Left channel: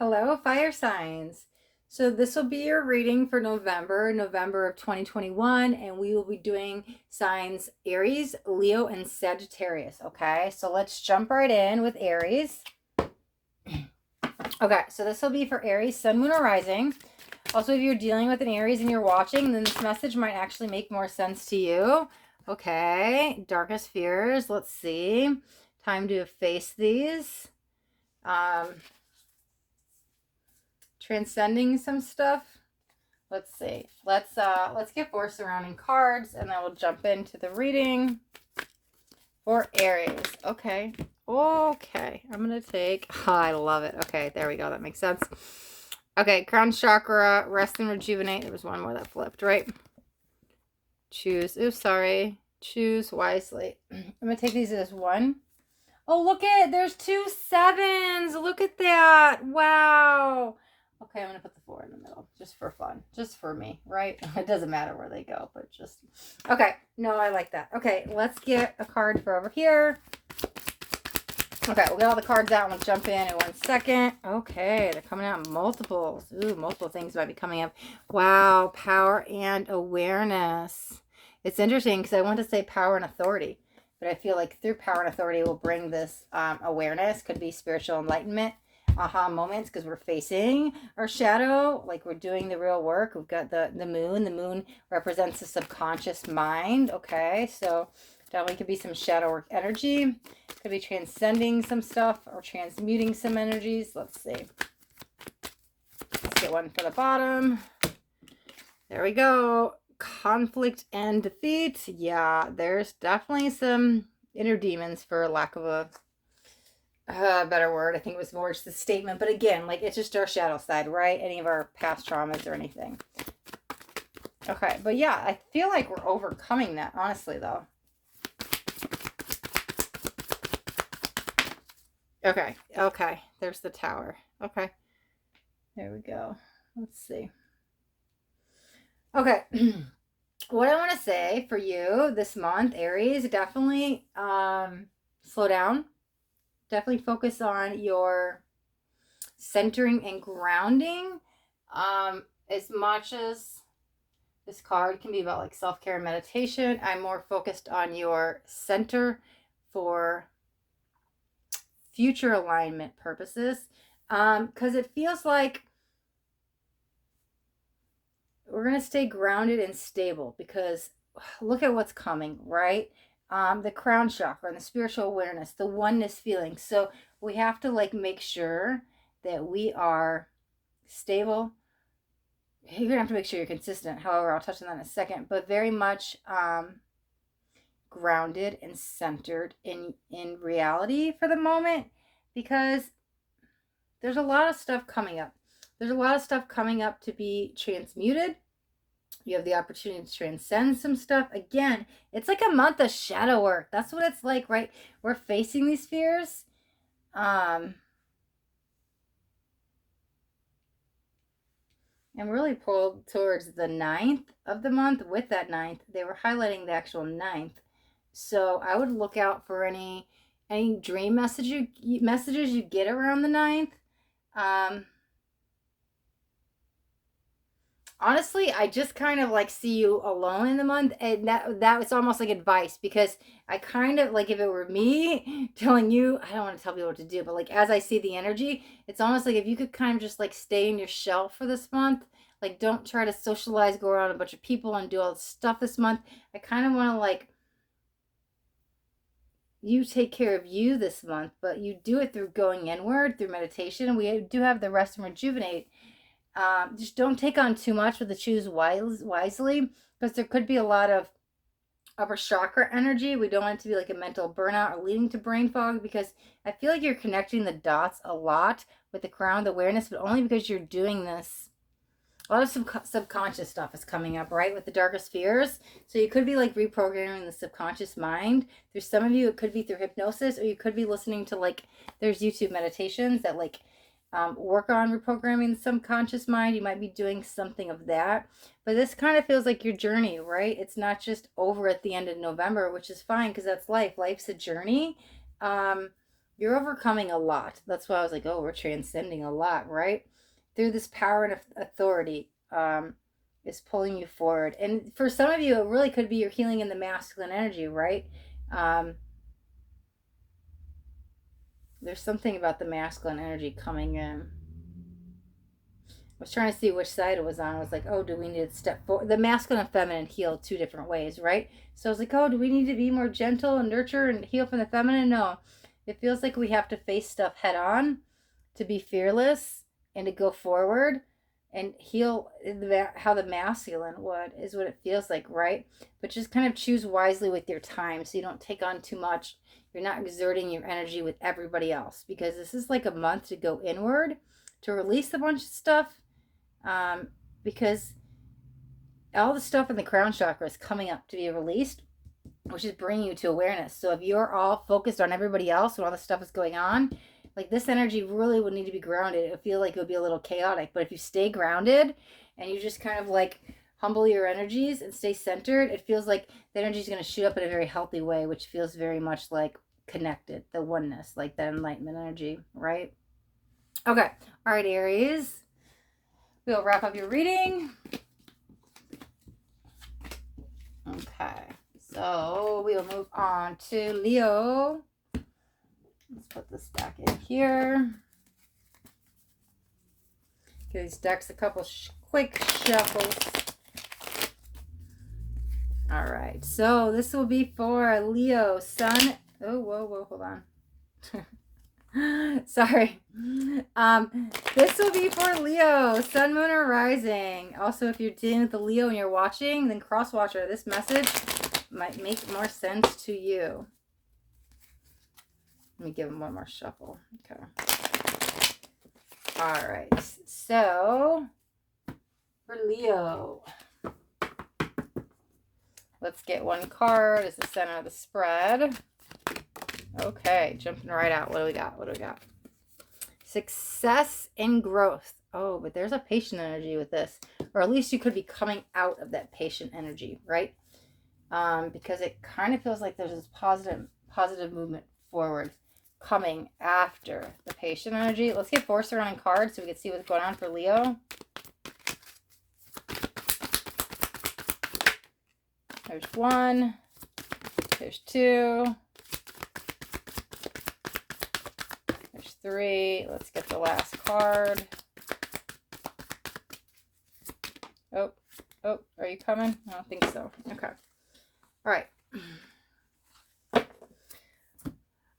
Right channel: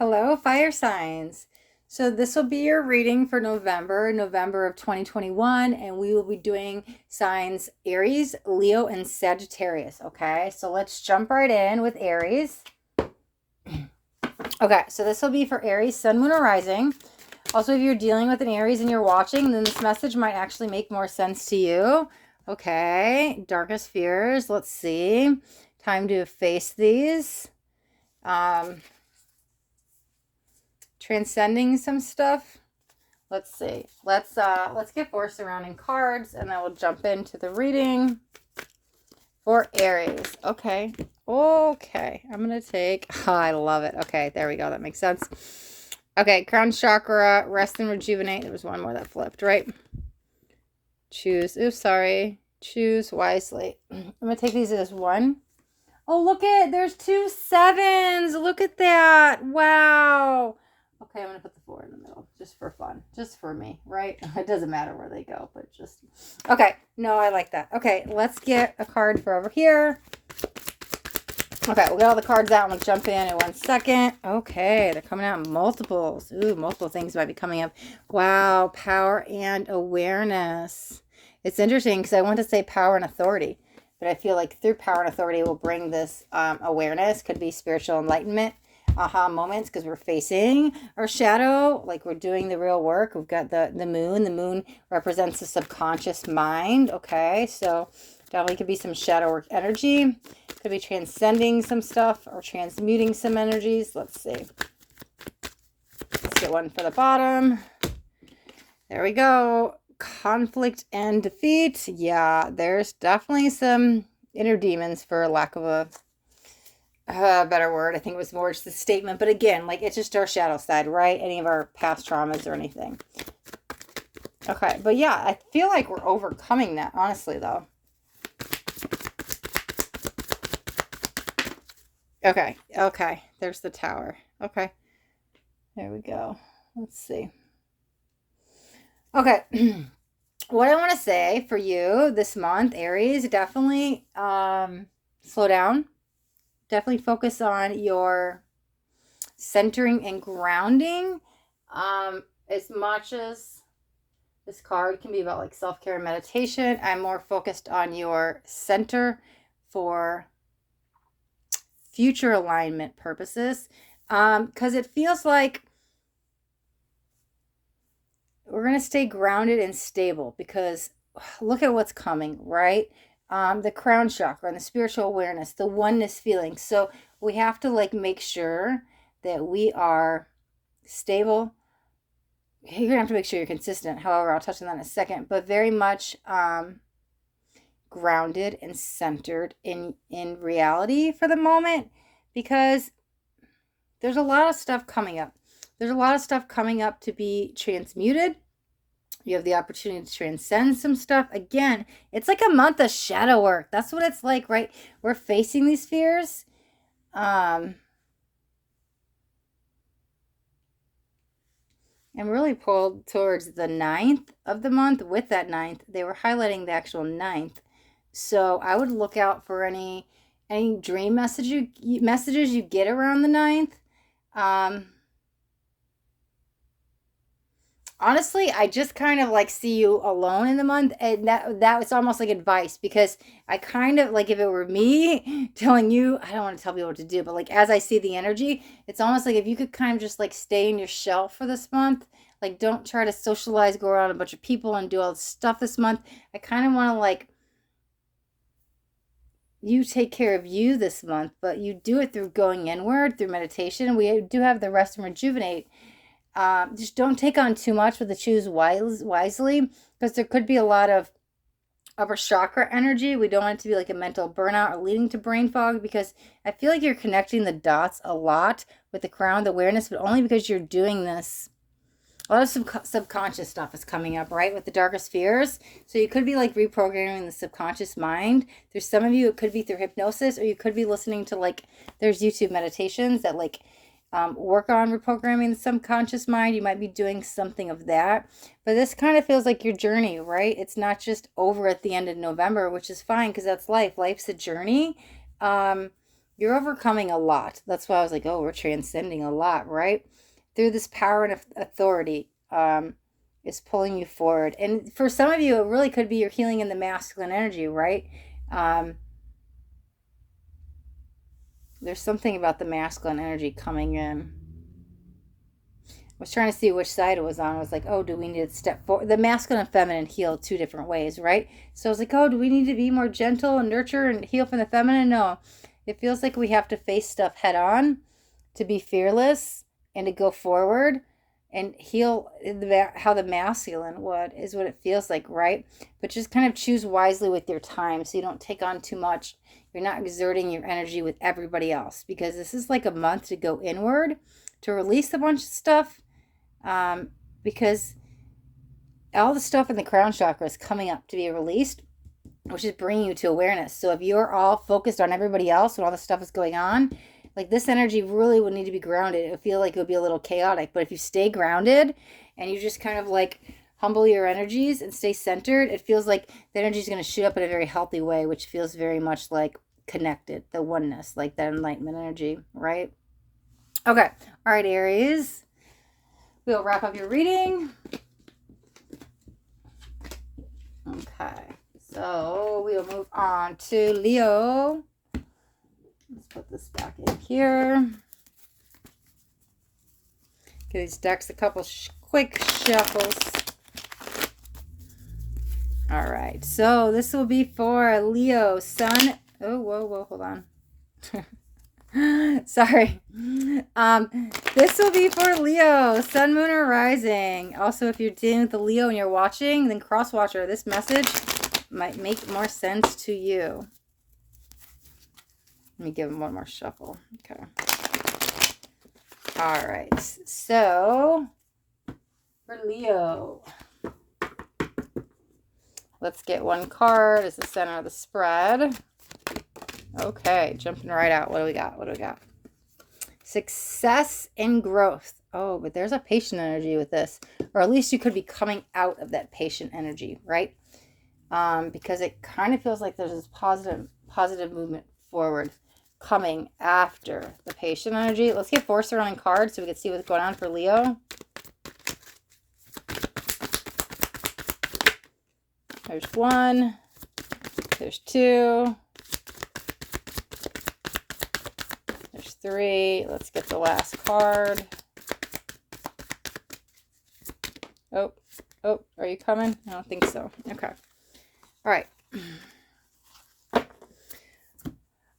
Hello, fire signs. So this will be your reading for November of 2021, and we will be doing signs Aries, Leo, and Sagittarius. Okay, so let's jump right in with Aries. Okay, so this will be for Aries, Sun, Moon, or Rising. Also, if you're dealing with an Aries and you're watching, then this message might actually make more sense to you. Okay, darkest fears. Let's see. Time to face these. Transcending some stuff. Let's see. Let's get 4 surrounding cards and then we'll jump into the reading for Aries. Okay. Okay. I'm gonna take I love it. Okay, there we go. That makes sense. Okay, crown chakra, rest and rejuvenate. There was one more that flipped, right? Choose. Oh, sorry. Choose wisely. I'm gonna take these as one. Oh, look at there's 2 sevens. Look at that. Wow. Okay, I'm going to put the 4 in the middle just for fun. Just for me, right? It doesn't matter where they go, but just. Okay, no, I like that. Okay, let's get a card for over here. Okay, we'll get all the cards out and we'll jump in 1 second. Okay, they're coming out in multiples. Ooh, multiple things might be coming up. Wow, power and awareness. It's interesting because I want to say power and authority. But I feel like through power and authority will bring this awareness. Could be spiritual enlightenment, aha moments, because we're facing our shadow, like we're doing the real work. We've got the moon. The moon represents the subconscious mind. Okay, so definitely could be some shadow work energy. Could be transcending some stuff or transmuting some energies. Let's see. Let's get one for the bottom. There we go. Conflict and defeat. Yeah, there's definitely some inner demons, for lack of a better word. I think it was more just a statement, but again, like it's just our shadow side, right? Any of our past traumas or anything. Okay, but yeah, I feel like we're overcoming that, honestly, though. Okay, there's the tower. Okay, there we go. Let's see. Okay. What I want to say for you this month, Aries, definitely slow down. Definitely focus on your centering and grounding. As much as this card can be about like self-care and meditation, I'm more focused on your center for future alignment purposes. Because it feels like we're going to stay grounded and stable because look at what's coming, right? The crown chakra and the spiritual awareness, the oneness feeling. So we have to like make sure that we are stable. You're gonna have to make sure you're consistent. However, I'll touch on that in a second, but very much grounded and centered in reality for the moment because there's a lot of stuff coming up. There's a lot of stuff coming up to be transmuted. You have the opportunity to transcend some stuff. Again, it's like a month of shadow work. That's what it's like, right? We're facing these fears. I'm really pulled towards the 9th of the month. With that 9th, they were highlighting the actual 9th. So I would look out for any dream messages you get around the 9th. Honestly, I just kind of like see you alone in the month, and that was almost like advice because I kind of like if it were me telling you, I don't want to tell people what to do, but like as I see the energy, it's almost like if you could kind of just like stay in your shell for this month, like don't try to socialize, go around a bunch of people and do all this stuff this month. I kind of want to like you take care of you this month, but you do it through going inward, through meditation. We do have the rest and rejuvenate. Just don't take on too much with the choose wisely because there could be a lot of upper chakra energy. We don't want it to be like a mental burnout or leading to brain fog because I feel like you're connecting the dots a lot with the crown, the awareness, but only because you're doing this. A lot of subconscious stuff is coming up, right, with the darkest fears. So you could be like reprogramming the subconscious mind. There's some of you, it could be through hypnosis, or you could be listening to like, there's YouTube meditations that like work on reprogramming the subconscious mind. You might be doing something of that. But this kind of feels like your journey, right? It's not just over at the end of November, which is fine because that's life. Life's a journey. You're overcoming a lot. That's why I was like, oh, we're transcending a lot, right? Through this power and authority is pulling you forward. And for some of you, it really could be your healing in the masculine energy, right? Um, there's something about the masculine energy coming in. I was trying to see which side it was on. I was like, oh, do we need to step forward? The masculine and feminine heal two different ways, right? So I was like, oh, do we need to be more gentle and nurture and heal from the feminine? No. It feels like we have to face stuff head on to be fearless and to go forward and heal how the masculine would, is what it feels like, right? But just kind of choose wisely with your time so you don't take on too much. You're not exerting your energy with everybody else, because this is like a month to go inward, to release a bunch of stuff, because all the stuff in the crown chakra is coming up to be released, which is bringing you to awareness. So if you're all focused on everybody else and all the stuff is going on, like this energy really would need to be grounded. It would feel like it would be a little chaotic, but if you stay grounded and you just kind of like humble your energies and stay centered, it feels like the energy is going to shoot up in a very healthy way, which feels very much like connected, the oneness, like that enlightenment energy, right? Okay. All right, Aries. We'll wrap up your reading. Okay. So we'll move on to Leo. Let's put this back in here. Give these decks a couple quick shuffles. All right. So this will be for Leo, Sun. Oh, whoa, hold on. Sorry. This will be for Leo, Sun, Moon, or Rising. Also, if you're dealing with the Leo and you're watching, then cross-watcher. This message might make more sense to you. Let me give him one more shuffle. Okay. All right. So, for Leo, let's get one card as the center of the spread. Okay, jumping right out. What do we got? Success and growth. Oh, but there's a patient energy with this. Or at least you could be coming out of that patient energy, right? Because it kind of feels like there's this positive movement forward coming after the patient energy. Let's get 4 surrounding cards so we can see what's going on for Leo. There's 1. There's 2. There's 3. Let's get the last card. Oh, are you coming? I don't think so. Okay. All right.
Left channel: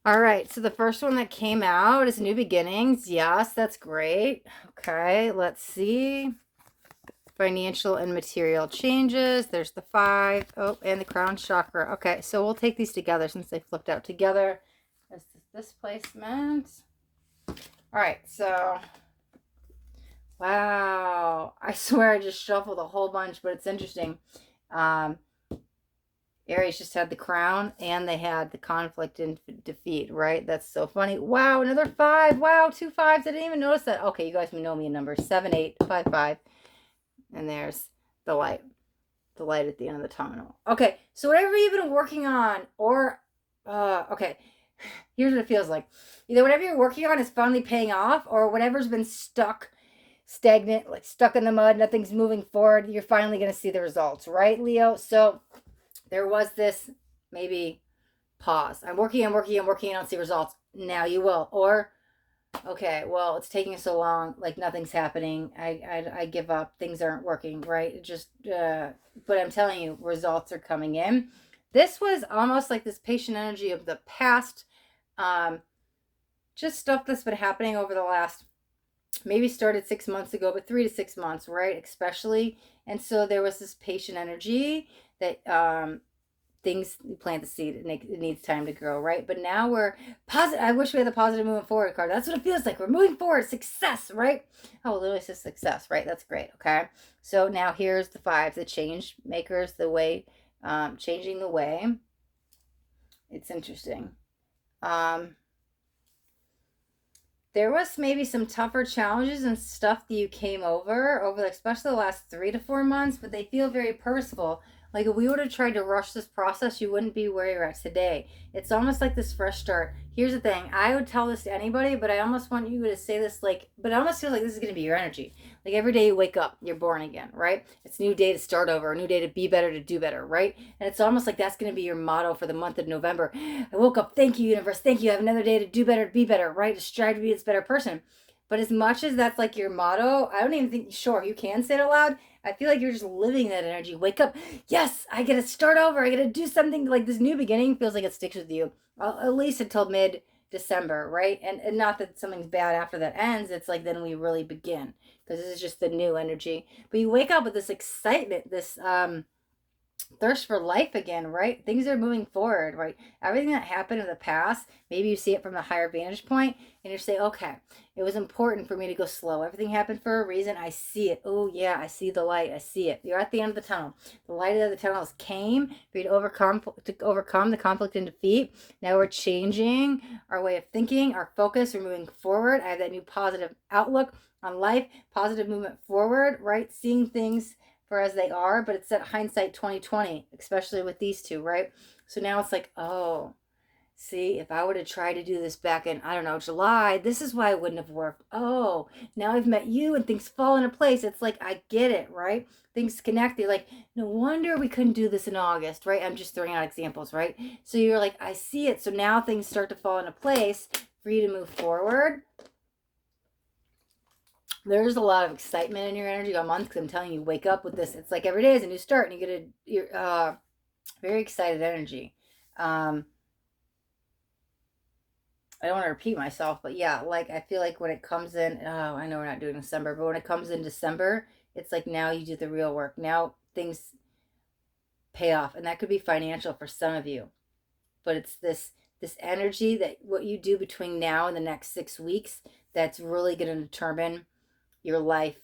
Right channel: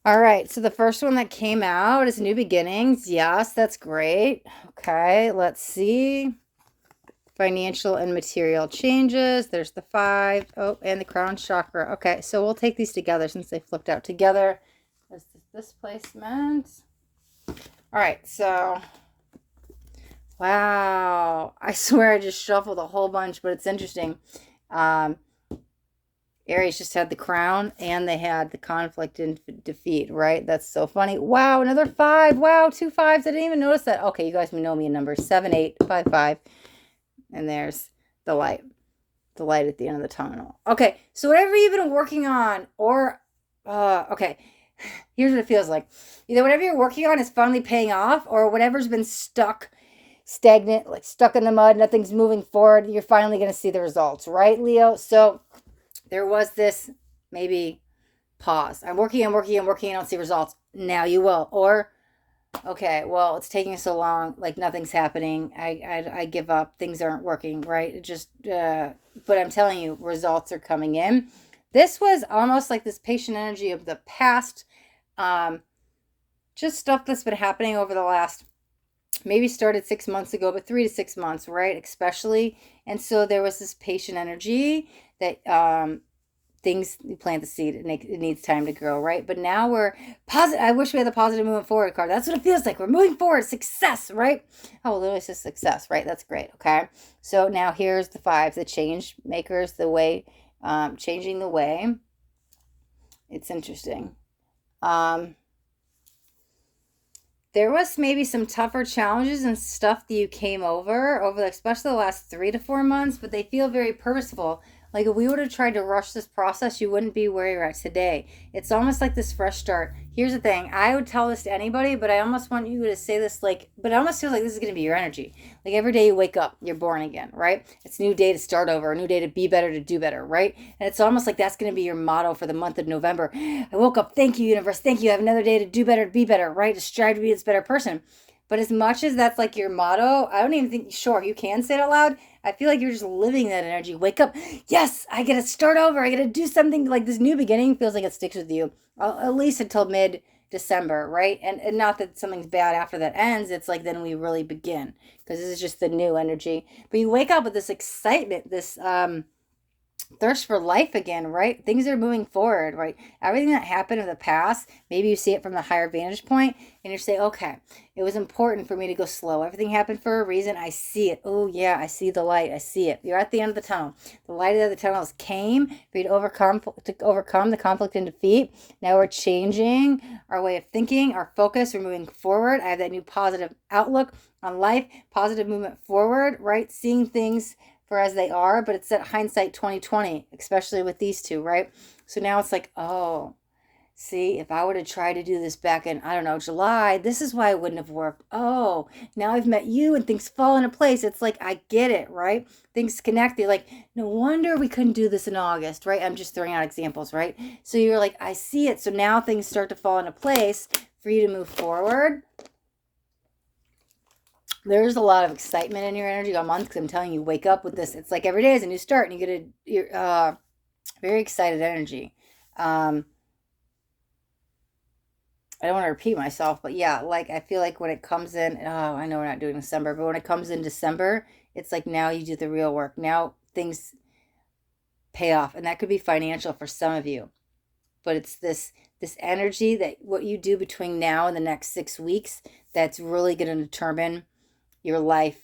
All right, so the first one that came out is New Beginnings. Yes, that's great. Okay, let's see. Financial and material changes. There's the 5. Oh, and the crown chakra. Okay, so we'll take these together since they flipped out together. There's this placement. All right, so wow. I swear I just shuffled a whole bunch, but it's interesting. Aries just had the crown and they had the conflict and defeat, right? That's so funny. Wow, another 5. Wow, 2 5s. I didn't even notice that. Okay, you guys know me in numbers. 7, 8, 5, 5. And there's the light. The light at the end of the tunnel. Okay, so whatever you've been working on, or, okay, here's what it feels like. Either whatever you're working on is finally paying off, or whatever's been stagnant, like stuck in the mud, nothing's moving forward, you're finally going to see the results, right, Leo? So there was this maybe pause. I'm working, I don't see results. Now you will. Or, okay, well, it's taking so long, like nothing's happening. I give up. Things aren't working, right? It just, but I'm telling you, results are coming in. This was almost like this patient energy of the past, just stuff that's been happening over the last, maybe started 6 months ago, but 3 to 6 months, right? Especially. And so there was this patient energy that, things, you plant the seed, it needs time to grow, right? But now we're positive. I wish we had the positive moving forward card. That's what it feels like. We're moving forward. Success, right? Oh, it literally says success, right? That's great. Okay. So now here's the 5, the change makers, the way, changing the way. It's interesting. There was maybe some tougher challenges and stuff that you came over especially the last 3 to 4 months, but they feel very purposeful. Like if we would have tried to rush this process, you wouldn't be where you're at today. It's almost like this fresh start. Here's the thing. I would tell this to anybody, but I almost want you to say this like, but it almost feels like this is going to be your energy. Like every day you wake up, you're born again, right? It's a new day to start over, a new day to be better, to do better, right? And it's almost like that's going to be your motto for the month of November. I woke up. Thank you, universe. Thank you. I have another day to do better, to be better, right? To strive to be this better person. But as much as that's like your motto, I don't even think, sure, you can say it out loud. I feel like you're just living that energy. Wake up. Yes, I get to start over. I get to do something. Like this new beginning feels like it sticks with you at least until mid-December, right? And not that something's bad after that ends. It's like then we really begin because this is just the new energy. But you wake up with this excitement, this thirst for life again, right? Things are moving forward, right? Everything that happened in the past, maybe you see it from the higher vantage point and you say, okay, it was important for me to go slow. Everything happened for a reason. I see it. Oh yeah, I see the light. I see it. You're at the end of the tunnel. The light of the tunnel came for you to overcome the conflict and defeat. Now we're changing our way of thinking, our focus. We're moving forward. I have that new positive outlook on life, positive movement forward, right? Seeing things for as they are, but it's that hindsight 2020, especially with these two, right? So now it's like, oh, see, if I were to try to do this back in, I don't know, July, this is why it wouldn't have worked. Oh, now I've met you and things fall into place. It's like, I get it, right? Things connect. You're like, no wonder we couldn't do this in August, right? I'm just throwing out examples, right? So you're like, I see it. So now things start to fall into place for you to move forward. There's a lot of excitement in your energy all month because I'm telling you, wake up with this. It's like every day is a new start, and you're very excited energy. I don't want to repeat myself, but yeah, like I feel like when it comes in, oh, I know we're not doing December, but when it comes in December, it's like now you do the real work. Now things pay off, and that could be financial for some of you, but it's this energy that what you do between now and the next 6 weeks that's really going to determine your life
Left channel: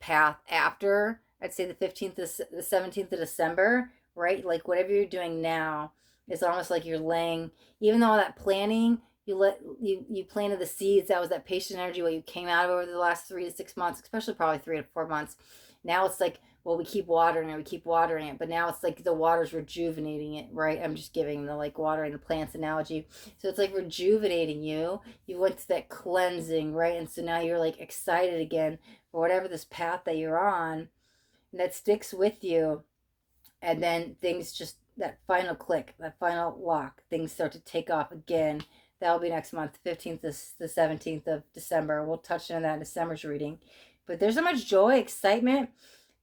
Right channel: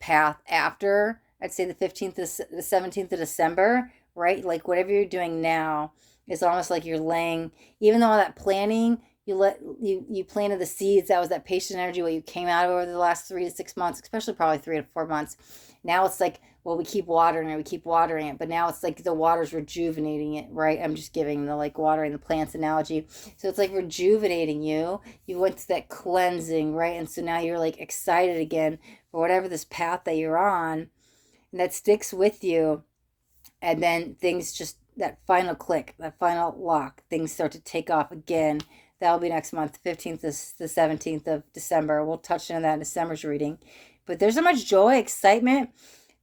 path after, I'd say the 15th to the 17th of December, right? Like whatever you're doing now is almost like you're laying, even though all that planning, you planted the seeds. That was that patient energy, what you came out of over the last 3 to 6 months, especially probably 3 to 4 months. Now it's like, well, we keep watering it, but now it's like the water's rejuvenating it, right? I'm just giving the like watering the plants analogy. So it's like rejuvenating you. You went to that cleansing, right? And so now you're like excited again for whatever this path that you're on, and that sticks with you. And then things just, that final click, that final lock, things start to take off again. That'll be next month, 15th to the 17th of December. We'll touch on that in December's reading. But there's so much joy, excitement.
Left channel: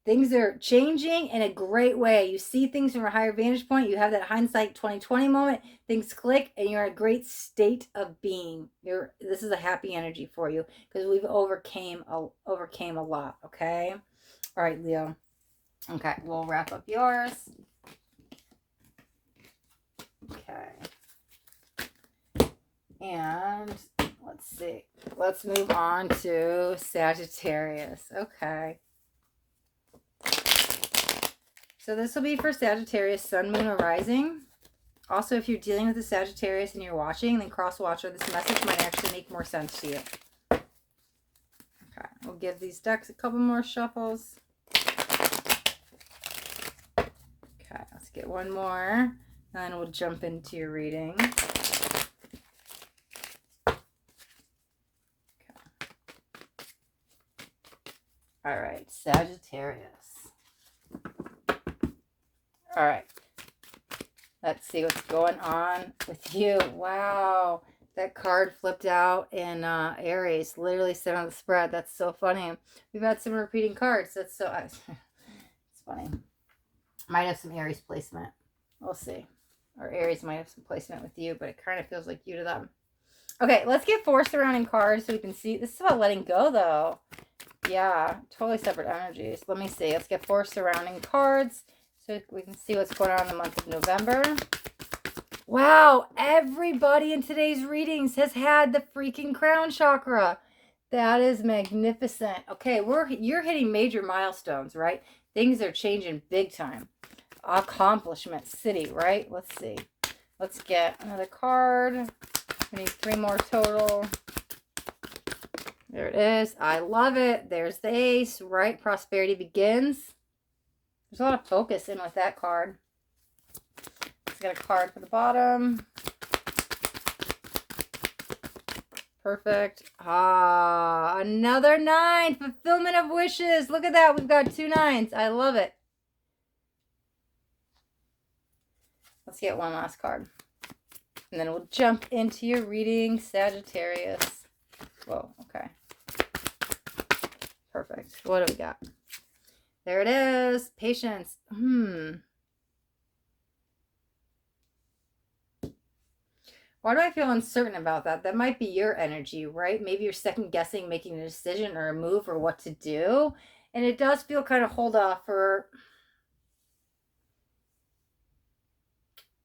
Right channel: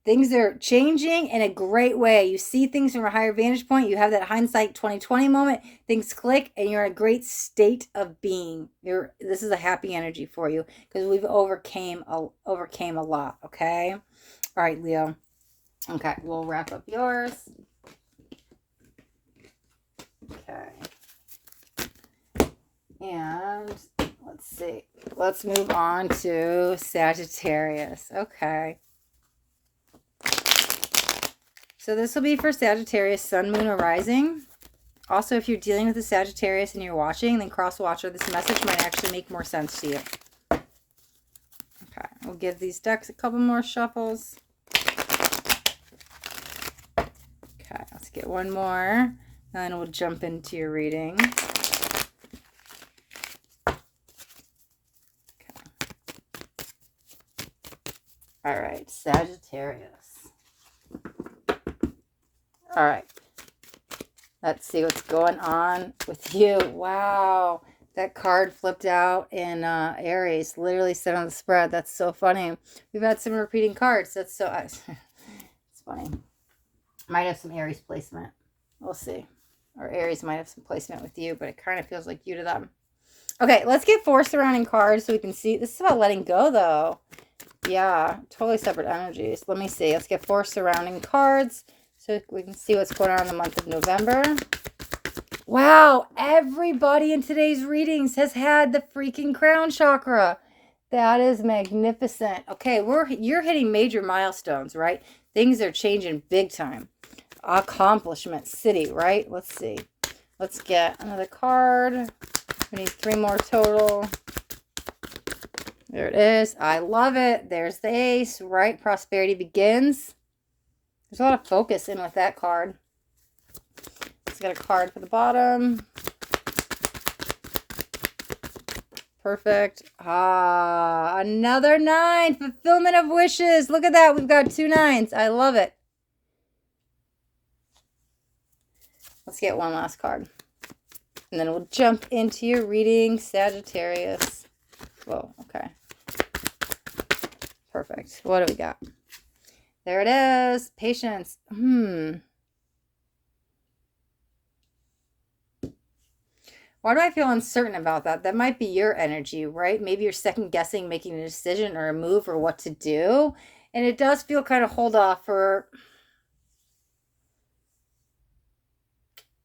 Things are changing in a great way. You see things from a higher vantage point. You have that hindsight 2020 moment. Things click, and you're in a great state of being. This is a happy energy for you because we've overcame a lot. Okay. All right, Leo. Okay, we'll wrap up yours. Okay. And let's see. Let's move on to Sagittarius. Okay. So this will be for Sagittarius, Sun, Moon, or Rising. Also, if you're dealing with a Sagittarius and you're watching, then cross-watch, or this message might actually make more sense to you. Okay, we'll give these decks a couple more shuffles. Okay, let's get one more, and we'll jump into your reading. Okay. All right, Sagittarius. All right. Let's see what's going on with you. Wow. That card flipped out in Aries. Literally said on the spread. That's so funny. We've had some repeating cards. That's so... it's funny. Might have some Aries placement. We'll see. Or Aries might have some placement with you, but it kind of feels like you to them. Okay, let's get 4 surrounding cards so we can see. This is about letting go, though. Yeah, totally separate energies. Let me see. Let's get 4 surrounding cards so we can see what's going on in the month of November. Wow, everybody in today's readings has had the freaking crown chakra. That is magnificent. Okay, you're hitting major milestones, right? Things are changing big time. Accomplishment city, right? Let's see. Let's get another card. We need 3 more total. There it is. I love it. There's the ace, right? Prosperity begins. There's a lot of focus in with that card. Let's get a card for the bottom. Perfect. Ah, another 9. Fulfillment of wishes. Look at that. We've got 2 9s. I love it. Let's get one last card. And then we'll jump into your reading, Sagittarius. Whoa, okay. Perfect. What do we got? There it is. Patience. Why do I feel uncertain about that? That might be your energy, right? Maybe you're second guessing making a decision or a move or what to do. And it does feel kind of hold off for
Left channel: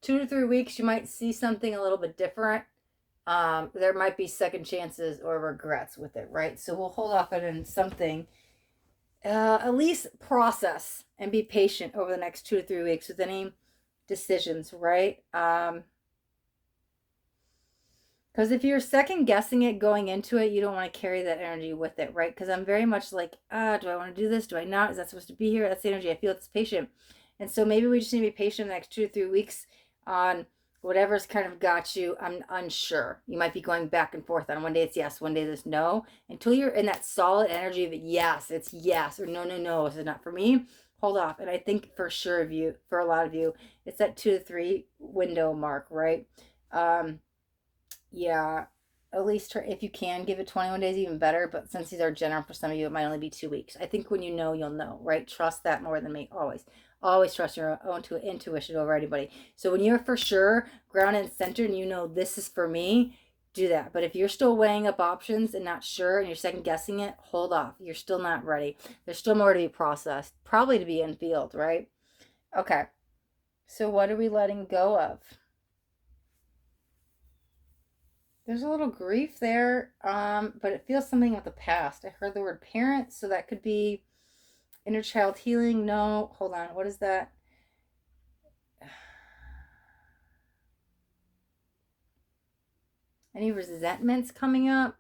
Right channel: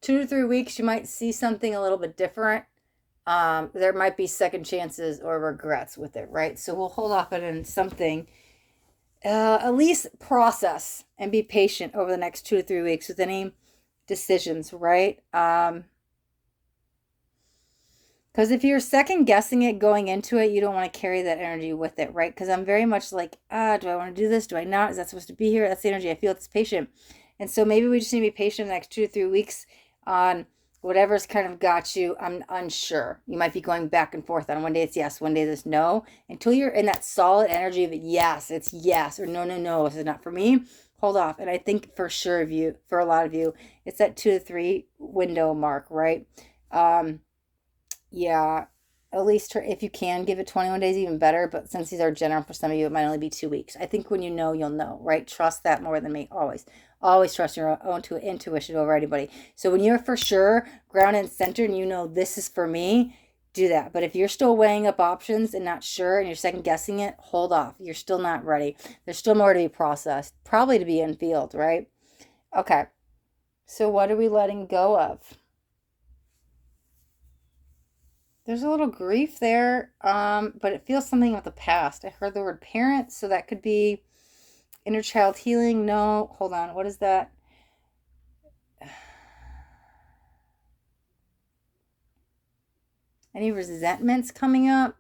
2 to 3 weeks. You might see something a little bit different. There might be second chances or regrets with it, right? So we'll hold off on something. At least process and be patient over the next 2 to 3 weeks with any decisions, right? Because if you're second guessing it going into it, you don't want to carry that energy with it, right? Because I'm very much like, do I want to do this? Do I not? Is that supposed to be here? That's the energy I feel. It's patient. And so maybe we just need to be patient the next 2 to 3 weeks on whatever's kind of got you. I'm unsure. You might be going back and forth on one day it's yes, one day it's no. Until you're in that solid energy of yes, it's yes, or no, no, no, this is not for me. Hold off. And I think for sure of you, for a lot of you, it's that 2 to 3 window mark, right? Yeah, at least if you can give it 21 days, even better. But since these are general for some of you, it might only be 2 weeks. I think when you know, you'll know, right? Trust that more than me. Always. Always trust your own intuition over anybody. So when you're for sure grounded and centered and you know this is for me, do that. But if you're still weighing up options and not sure and you're second guessing it, hold off. You're still not ready. There's still more to be processed, probably to be in field, right? Okay. So what are we letting go of? There's a little grief there, but it feels something of the past. I heard the word parent, so that could be inner child healing. No, hold on. What is that? Any resentments coming up?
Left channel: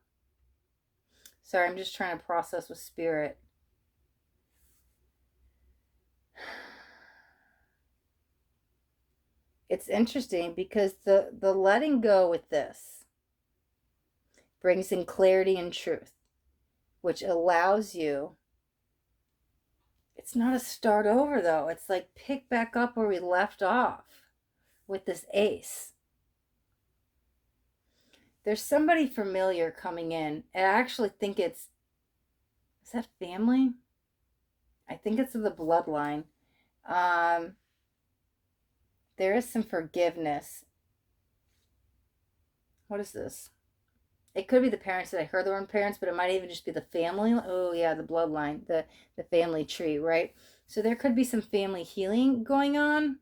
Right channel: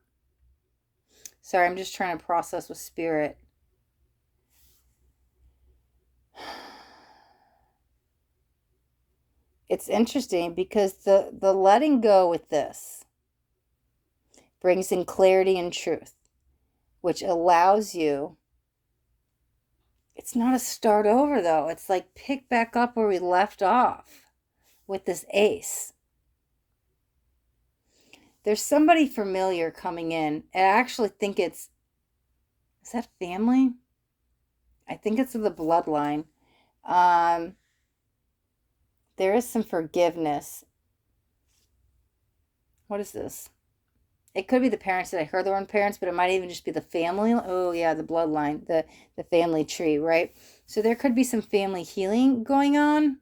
Sorry, I'm just trying to process with spirit. It's interesting because the letting go with this brings in clarity and truth, which allows you. It's not a start over though. It's like pick back up where we left off with this ace. There's somebody familiar coming in. And I actually think is that family? I think it's the bloodline. There is some forgiveness. What is this? It could be the parents that I heard the word parents, but it might even just be the family. Oh yeah, the bloodline, the family tree, right? So there could be some family healing going on,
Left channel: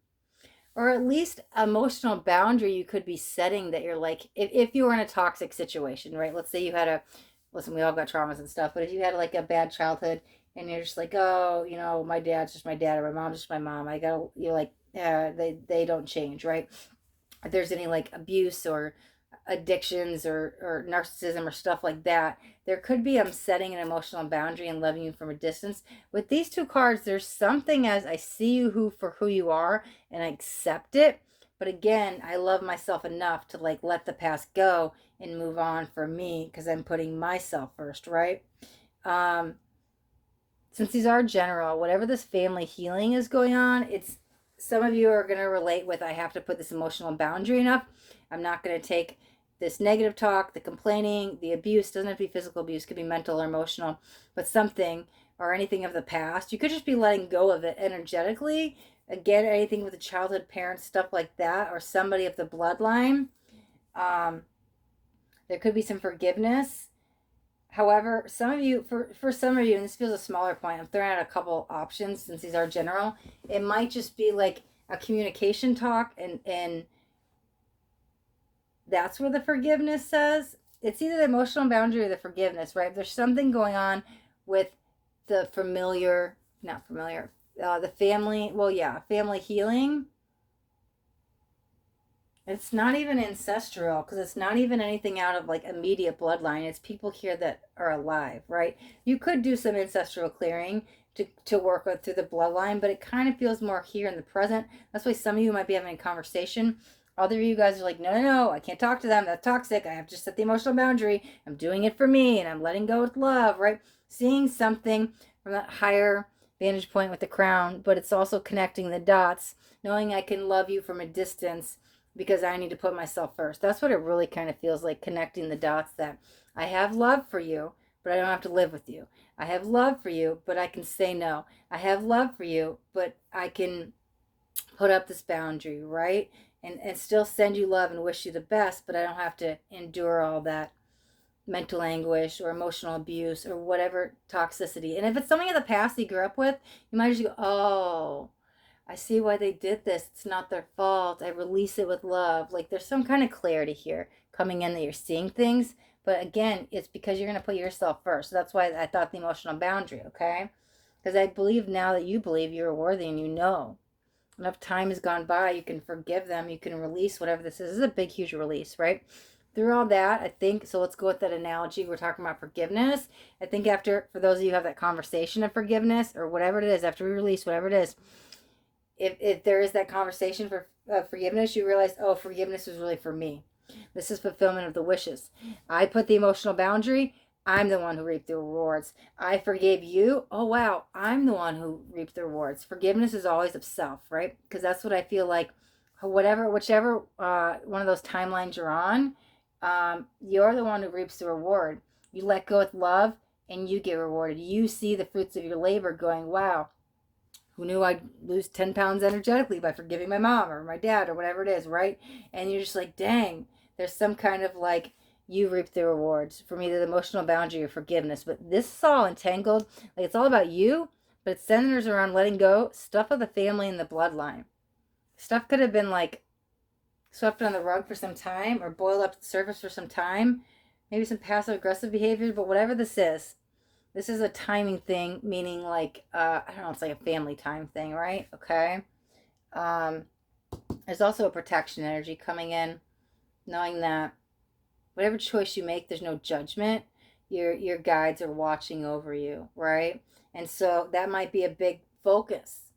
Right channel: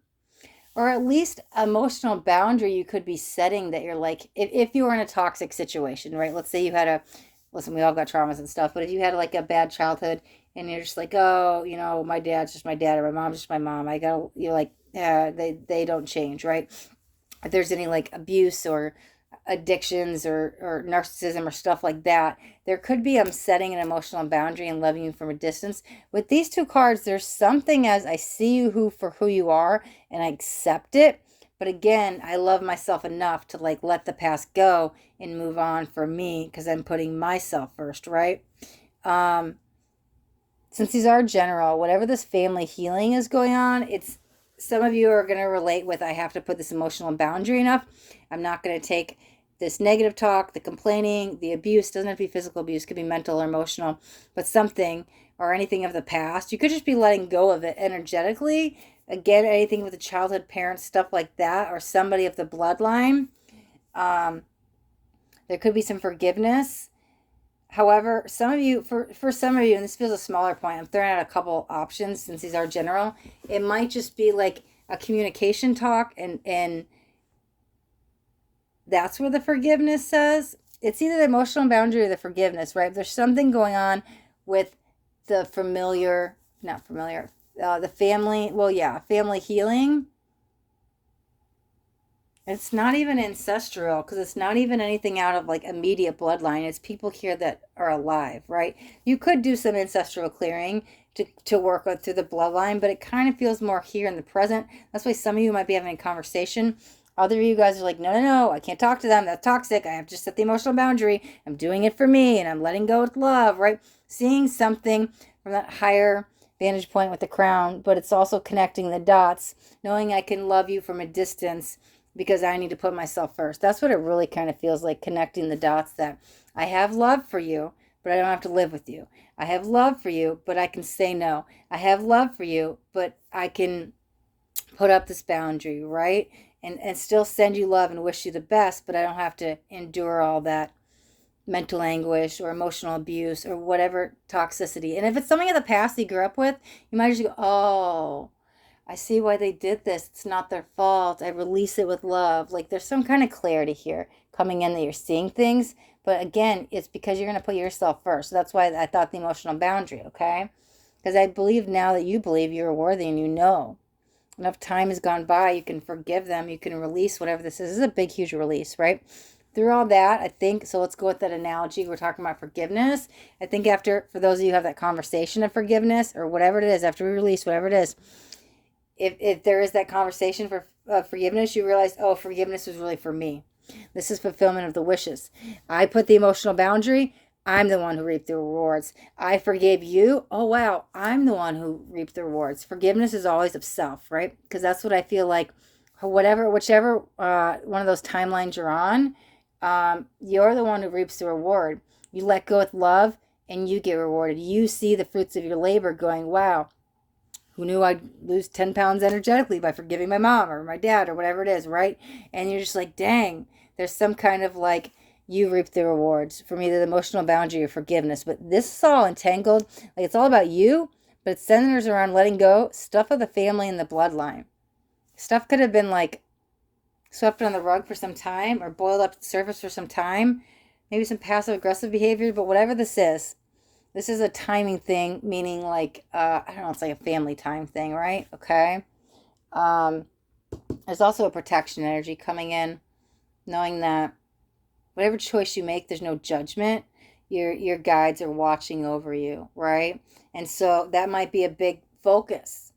or at least emotional boundary you could be setting that you're like, if you were in a toxic situation, right? Let's say you had listen, we all got traumas and stuff, but if you had like a bad childhood and you're just like, oh, my dad's just my dad or my mom's just my mom, you're like, yeah, they don't change, right? If there's any like abuse or addictions or narcissism or stuff like that, there could be setting an emotional boundary and loving you from a distance. With these 2 cards, there's something as I see you for who you are and I accept it. But again, I love myself enough to like let the past go and move on for me because I'm putting myself first, right? Since these are general, whatever this family healing is going on, it's some of you are going to relate with I have to put this emotional boundary enough. I'm not going to take this negative talk, the complaining, the abuse. Doesn't have to be physical abuse, could be mental or emotional, but something or anything of the past. You could just be letting go of it energetically. Again, anything with the childhood parents, stuff like that, or somebody of the bloodline. There could be some forgiveness. However, some of you, for some of you, and this feels a smaller point, I'm throwing out a couple options since these are general. It might just be like a communication talk and that's where the forgiveness says. It's either the emotional boundary or the forgiveness, right? There's something going on with the the family, family healing. It's not even ancestral because it's not even anything out of like immediate bloodline. It's people here that are alive, right? You could do some ancestral clearing to work through the bloodline, but it kind of feels more here in the present. That's why some of you might be having a conversation Other of you guys are like, no, no, no, I can't talk to them. That's toxic. I have to set the emotional boundary. I'm doing it for me and I'm letting go with love, right? Seeing something from that higher vantage point with the crown, but it's also connecting the dots, knowing I can love you from a distance because I need to put myself first. That's what it really kind of feels like, connecting the dots, that I have love for you, but I don't have to live with you. I have love for you, but I can say no. I have love for you, but I can put up this boundary, right? And still send you love and wish you the best, but I don't have to endure all that mental anguish or emotional abuse or whatever toxicity. And if it's something in the past you grew up with, you might just go, oh, I see why they did this. It's not their fault. I release it with love. Like there's some kind of clarity here coming in that you're seeing things. But again, it's because you're going to put yourself first. So that's why I thought the emotional boundary, okay? Because I believe now that you believe you're worthy and you know. Enough time has gone by, you can forgive them, you can release whatever this is. This is a big, huge release, right? Through all that, I think, so let's go with that analogy. We're talking about forgiveness. I think after, for those of you who have that conversation of forgiveness or whatever it is, after we release whatever it is, if there is that conversation for forgiveness, you realize, oh, forgiveness is really for me. This is fulfillment of the wishes. I put the emotional boundary. I'm the one who reaped the rewards. I forgave you. Oh, wow. I'm the one who reaped the rewards. Forgiveness is always of self, right? Because that's what I feel like, whichever one of those timelines you're on, you're the one who reaps the reward. You let go with love and you get rewarded. You see the fruits of your labor going, wow, who knew I'd lose 10 pounds energetically by forgiving my mom or my dad or whatever it is, right? And you're just like, dang, there's some kind of like, you reap the rewards from either the emotional boundary or forgiveness. But this is all entangled. Like it's all about you, but it centers around letting go stuff of the family and the bloodline. Stuff could have been like swept on the rug for some time or boiled up to the surface for some time. Maybe some passive aggressive behavior, but whatever this is a timing thing, meaning like, I don't know, it's like a family time thing, right? Okay. There's also a protection energy coming in, knowing that whatever choice you make, there's no judgment. Your guides are watching over you, right? And so that might be a big focus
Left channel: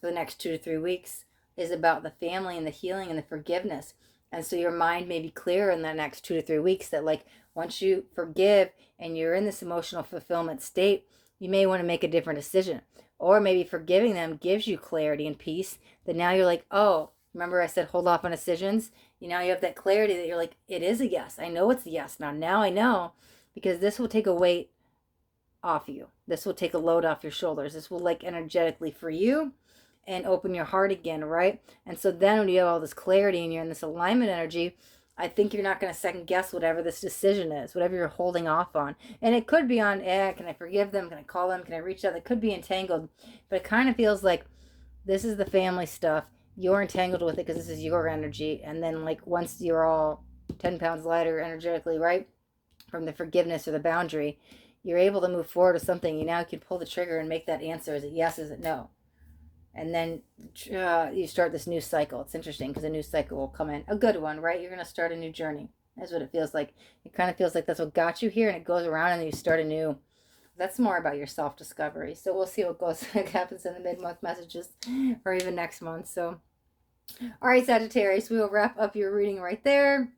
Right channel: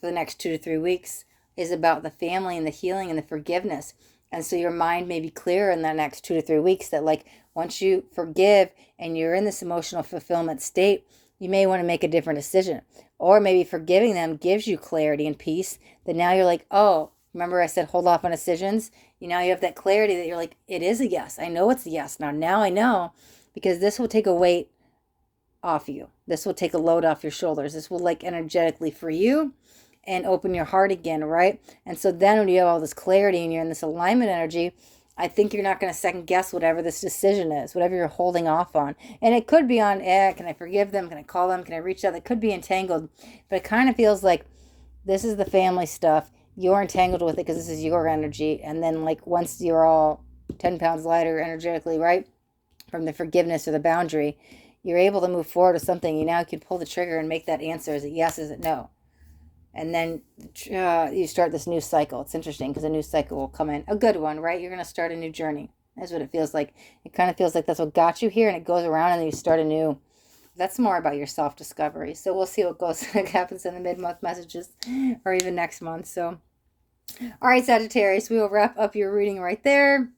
for the next 2 to 3 weeks, is about the family and the healing and the forgiveness. And so your mind may be clear in the next 2 to 3 weeks that like once you forgive and you're in this emotional fulfillment state, you may want to make a different decision. Or maybe forgiving them gives you clarity and peace that now you're like, oh, remember I said hold off on decisions? You know, you have that clarity that you're like, it is a yes. I know it's a yes. Now I know, because this will take a weight off you. This will take a load off your shoulders. This will like energetically free you and open your heart again, right? And so then when you have all this clarity and you're in this alignment energy, I think you're not going to second guess whatever this decision is, whatever you're holding off on. And it could be on, can I forgive them? Can I call them? Can I reach out? It could be entangled, but it kind of feels like this is the family stuff. You're entangled with it because this is your energy. And then like once you're all 10 pounds lighter energetically, right, from the forgiveness or the boundary, you're able to move forward with something. You now can pull the trigger and make that answer. Is it yes? Is it no? And then you start this new cycle. It's interesting because a new cycle will come in. A good one, right? You're going to start a new journey. That's what it feels like. It kind of feels like that's what got you here, and it goes around and you start anew. That's more about your self-discovery. So we'll see what goes, what happens in the mid-month messages or even next month. So, all right, Sagittarius, we will wrap up your reading right there.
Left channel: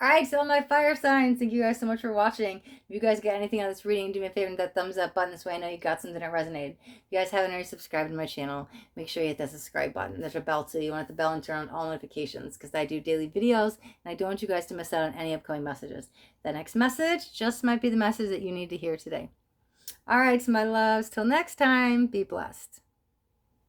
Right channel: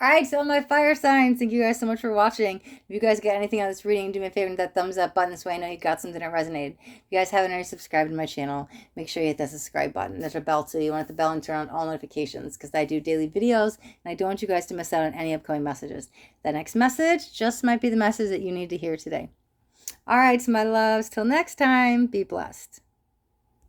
All right, so my fire signs, thank you guys so much for watching. If you guys get anything on this reading, do me a favor and hit that thumbs up button. This way I know you got something that resonated. If you guys haven't already subscribed to my channel, make sure you hit that subscribe button. There's a bell too. You want to hit the bell and turn on all notifications because I do daily videos and I don't want you guys to miss out on any upcoming messages. The next message just might be the message that you need to hear today. All right, so my loves, till next time, be blessed.